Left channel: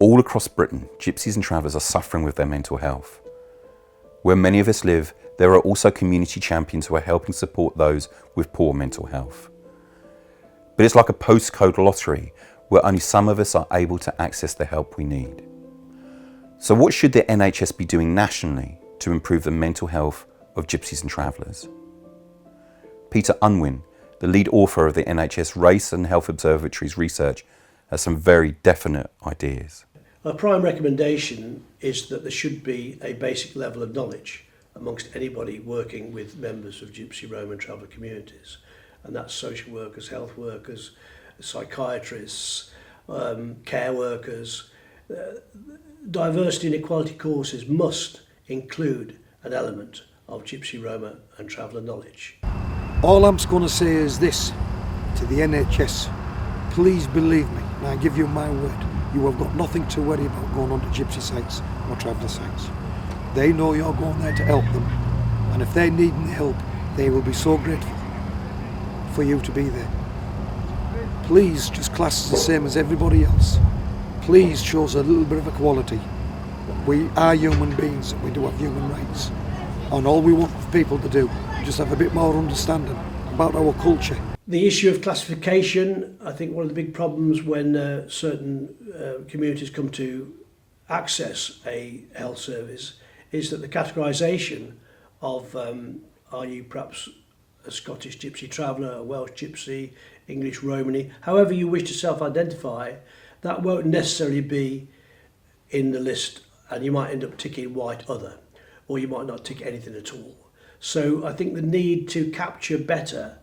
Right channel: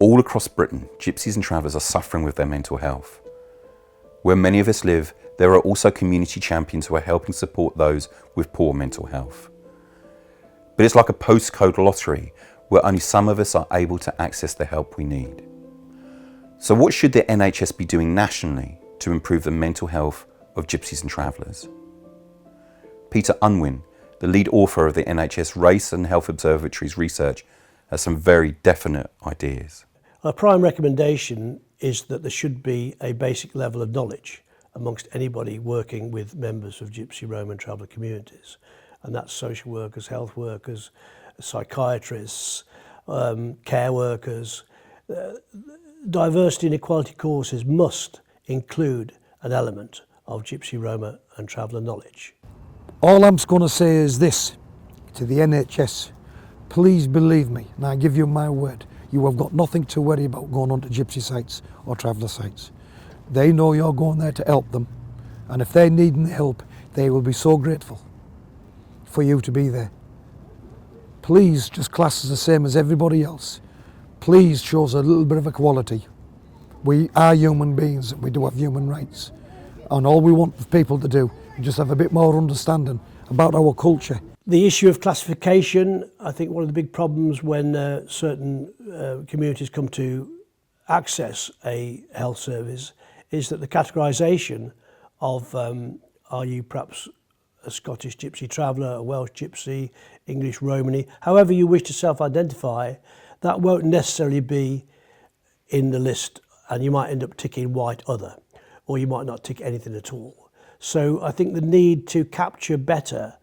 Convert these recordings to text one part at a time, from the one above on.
All across Britain, gypsies and travellers are suffering with their mental health. Where many of us live, there are also community champions who are helping support those with poor mental health. But it's like a postcode lottery where only some of us are able to access the help we need. So what should the NHS be doing nationally to improve the mental health of gypsies and travellers? Peter Unwin, the lead author of the NHS Race and Health Observatory's research, has some very definite ideas. Our prime recommendation is that there should be a basic level of knowledge amongst anybody working with members of Gypsy, Roma and Traveller communities. And that's social workers, health workers, psychiatrists, care workers. Diversity and equality courses must include an element of Gypsy, Roma and Traveller knowledge. All I'm going to say is this to the NHS. Please believe me, and I give you my word, you have got nothing to worry about going onto gypsy sites or traveller sites. They know you're going there to help them, and if they need any help, they will be so grateful for you to be there. Please just class us the same as everybody else. Please show us a little bit of equality. We are human beings, we do have human rights, and all we want people to do is just have a bit more understanding about our culture. The issue of classification, I think one of the big problems when certain communities come to access a health service is that the categorisation of are you perhaps a Scottish Gypsy Traveller, a Welsh Gypsy, English Romany, however you wish to self-identify, that won't necessarily be in the list, and you might end up ticking white other, or you might not tick anything at all. So I think the need to capture better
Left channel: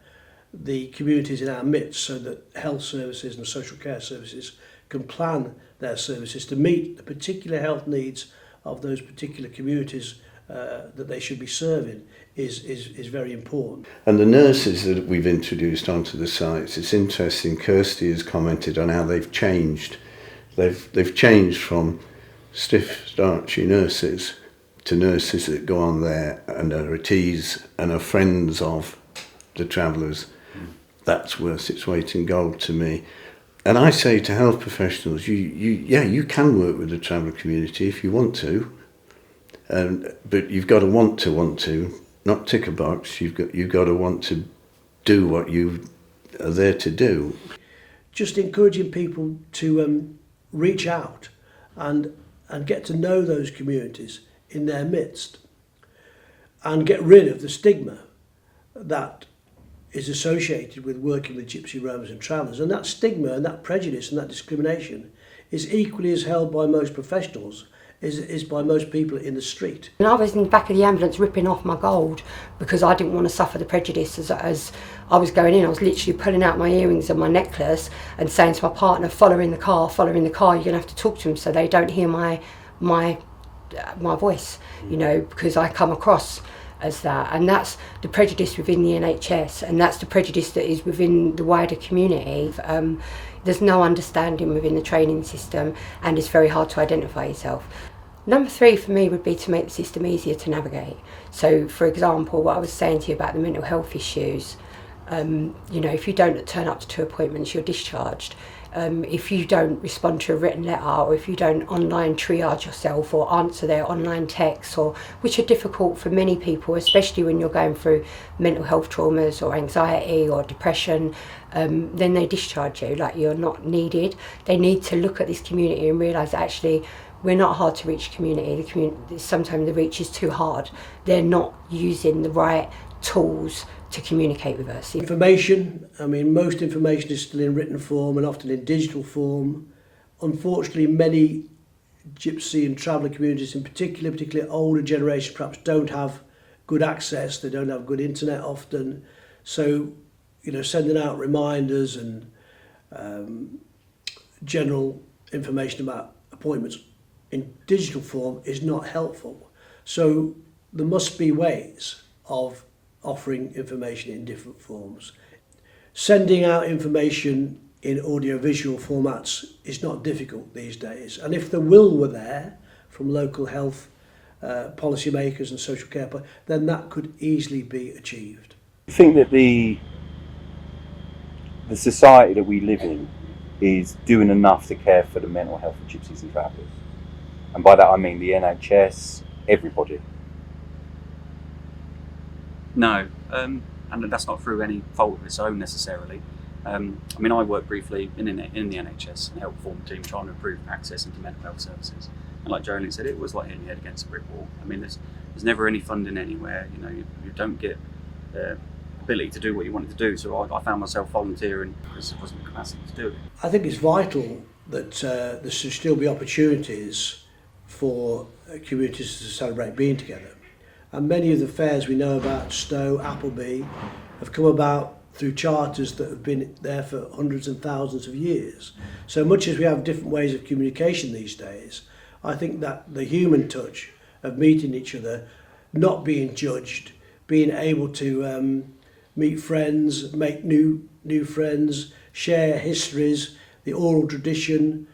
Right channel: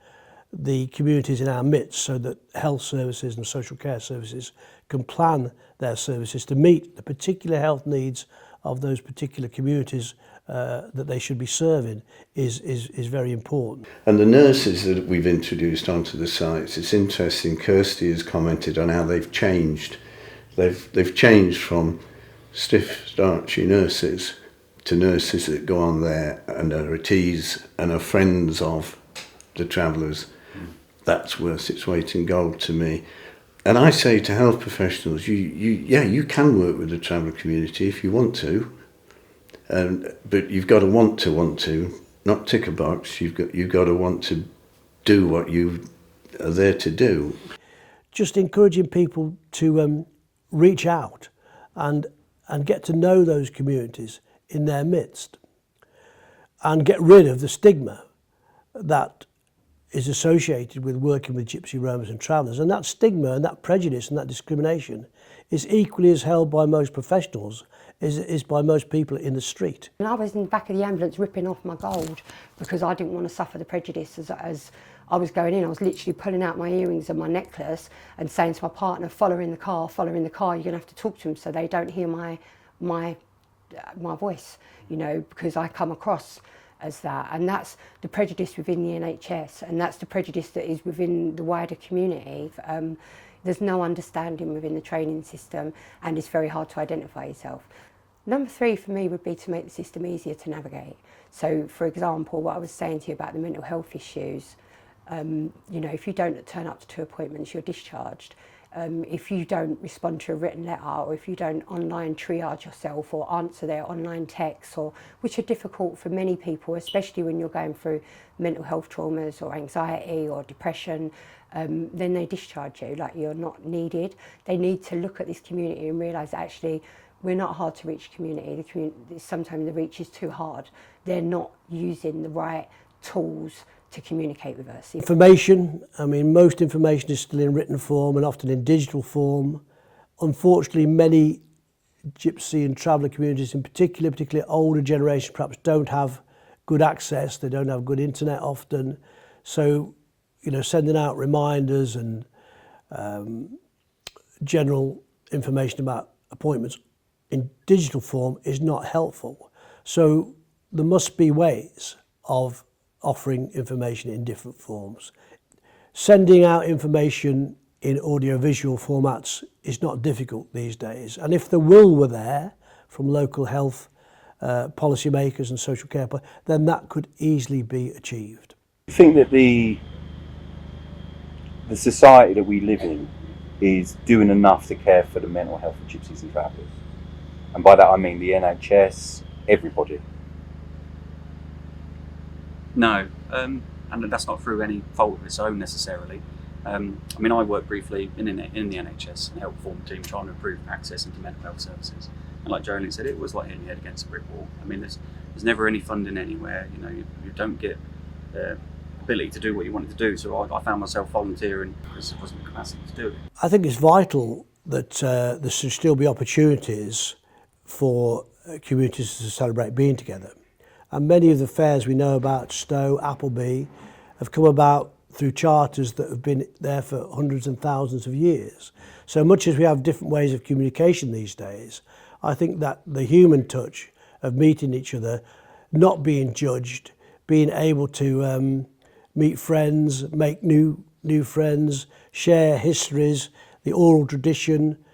the communities in our midst so that health services and social care services can plan their services to meet the particular health needs of those particular communities that they should be serving is very important. And the nurses that we've introduced onto the sites, it's interesting, Kirsty has commented on how they've changed. They've changed from stiff, starchy nurses to nurses that go on there and are at ease and are friends of the travellers. That's worth its weight in gold to me. And I say to health professionals, you can work with the traveller community if you want to, but you've got to want to, not tick a box. You've got to want to do what you are there to do. Just encouraging people to reach out and get to know those communities in their midst and get rid of the stigma that is associated with working with Gypsy, Romas and Travellers. And that stigma and that prejudice and that discrimination is equally as held by most professionals is by most people in the street. And I was in the back of the ambulance ripping off my gold because I didn't want to suffer the prejudice as I was going in. I was literally pulling out my earrings and my necklace and saying to my partner, following the car, you're going to have to talk to them so they don't hear my voice, you know, because I come across as that. And that's the prejudice within the NHS, and that's the prejudice that is within the wider community. There's no understanding within the training system, and it's very hard to identify yourself. Number 3 for me would be to make the system easier to navigate. So, for example, what I was saying to you about the mental health issues, you know, if you don't turn up to 2 appointments, you're discharged. If you don't respond to a written letter, or if you don't online triage yourself or answer their online texts, which are difficult for many people, especially when you're going through mental health traumas or anxiety or depression, then they discharge you, like you're not needed. They need to look at this community and realise that actually we're not a hard to reach community. Sometimes the reach is too hard. They're not using the right tools to communicate with us. Information, I mean, most information is still in written form and often in digital form. Unfortunately, many Gypsy and Traveller communities in particular, particularly older generations, perhaps don't have good access, they don't have good internet often. So, you know, sending out reminders and general information about appointments in digital form is not helpful. So there must be ways of offering information in different forms. Sending out information in audio-visual formats is not difficult these days. And if the will were there from local health policymakers and social care, then that could easily be achieved. I think that the society that we live in is doing enough to care for the mental health of gypsies and travellers. And by that I mean the NHS, everybody. No, and that's not through any fault of its own necessarily. I mean, I worked briefly in the NHS and helped form a team trying to improve access into mental health services. And like Jolene said, it was like hitting your head against a brick wall. I mean, there's never any funding anywhere. You know, you don't get the ability to do what you wanted to do. So I found myself volunteering because there wasn't the capacity to do it. I think it's vital that there should still be opportunities for communities to celebrate being together. And many of the fairs we know about, Stowe, Appleby, have come about through charters that have been there for hundreds and thousands of years. So much as we have different ways of communication these days, I think that the human touch of meeting each other, not being judged, being able to meet friends, make new friends, share histories, the oral tradition,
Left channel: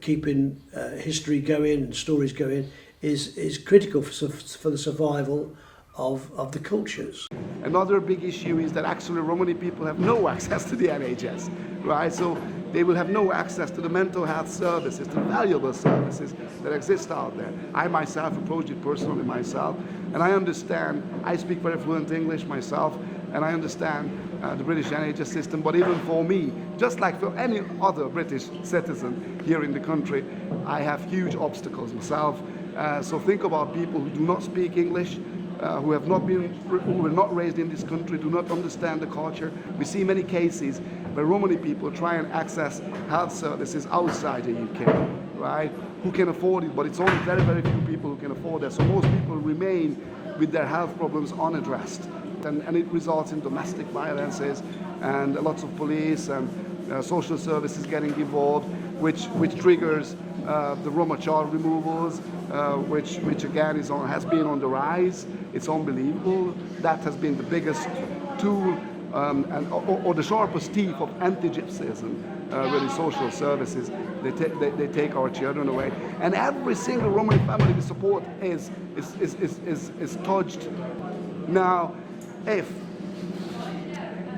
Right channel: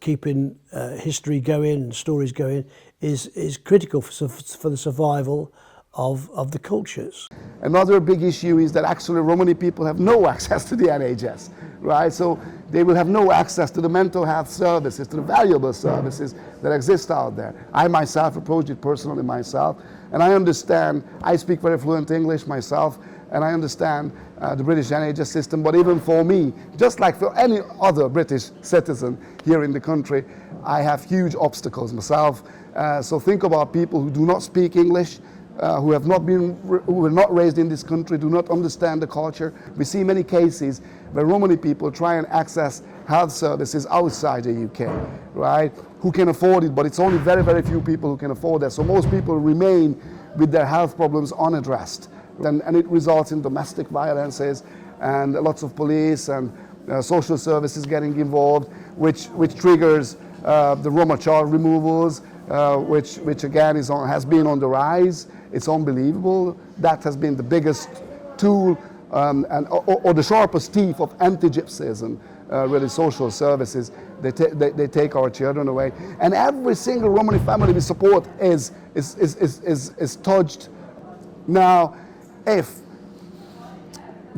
keeping history going and stories going is critical for the survival of the cultures. Another big issue is that actually Romani people have no access to the NHS, right? So they will have no access to the mental health services, to the valuable services that exist out there. I myself approached it personally myself, and I understand, I speak very fluent English myself, and I understand the British NHS system, but even for me, just like for any other British citizen here in the country, I have huge obstacles myself. So think about people who do not speak English, who were not raised in this country, do not understand the culture. We see many cases where Romani people try and access health services outside the UK, right? Who can afford it, but it's only very, very few people who can afford that. So most people remain with their health problems unaddressed. And it results in domestic violences and lots of police and social services getting involved, which triggers the Roma child removals, which again has been on the rise. It's unbelievable. That has been the biggest tool or the sharpest teeth of anti-Gypsyism, really social services. They take our children away. And every single Romani family we support is touched. Now, if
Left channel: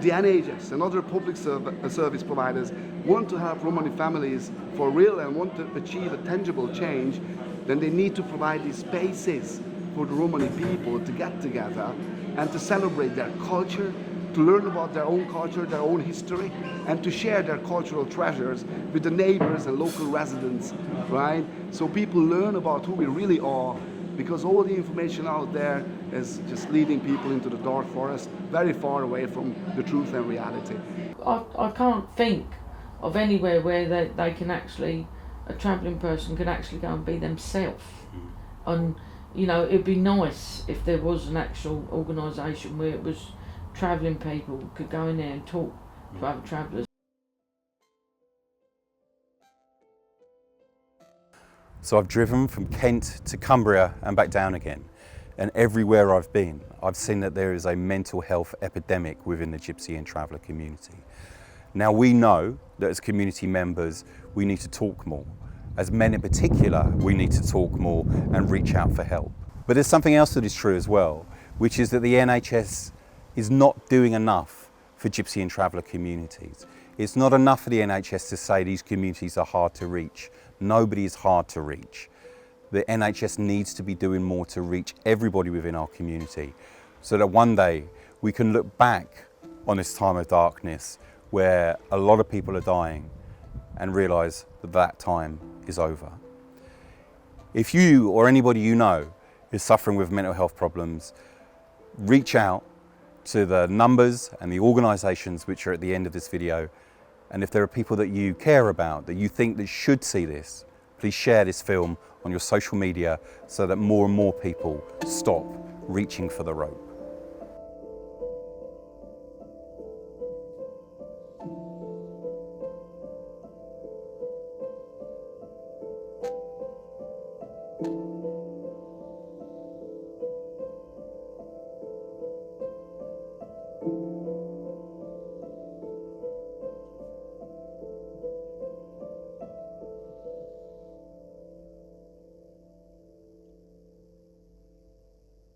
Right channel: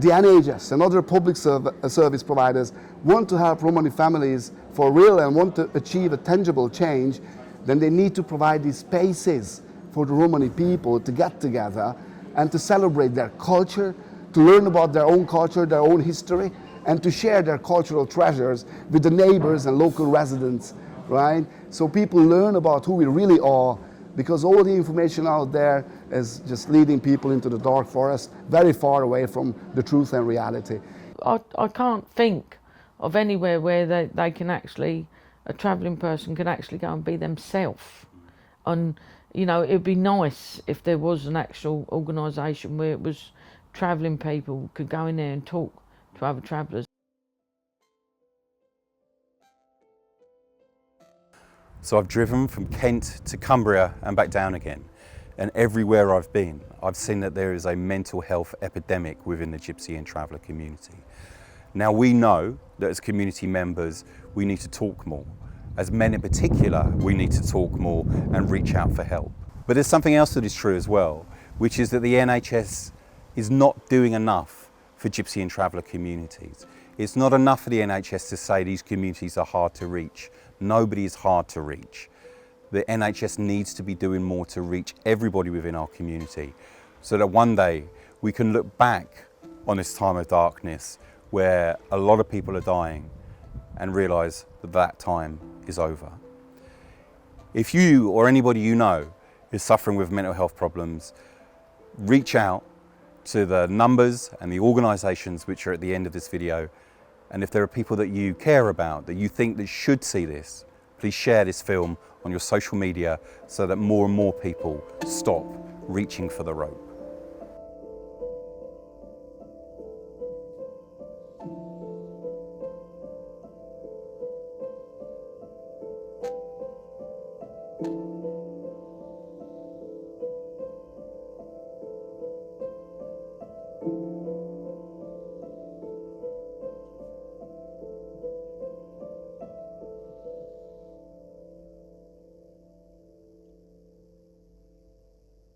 the NHS and other public service providers want to help Romani families for real and want to achieve a tangible change, then they need to provide these spaces for the Romani people to get together and to celebrate their culture, to learn about their own culture, their own history, and to share their cultural treasures with the neighbors and local residents, right? So people learn about who we really are, because all the information out there is just leading people into the dark forest, very far away from the truth and reality. I can't think of anywhere where they can actually, a travelling person can actually go and be themselves. And you know, it'd be nice if there was an actual organisation where it was travelling people could go in there and talk to other travellers. So I've driven from Kent to Cumbria and back down again. And everywhere I've been, I've seen that there is a mental health epidemic within the Gypsy and Traveller community. Now we know that as community members, we need to talk more. As men in particular, we need to talk more and reach out for help. But there's something else that is true as well, which is that the NHS is not doing enough for Gypsy and Traveller communities. It's not enough for the NHS to say these communities are hard to reach. Nobody is hard to reach. The NHS needs to be doing more to reach everybody within our community, so that one day we can look back on this time of darkness where a lot of people are dying and realise that that time is over. If you or anybody you know is suffering with mental health problems, reach out to the numbers and the organisations which are at the end of this video. And if there are people that you care about, that you think that should see this, please share this film on your social media so that more and more people stop reaching for the rope.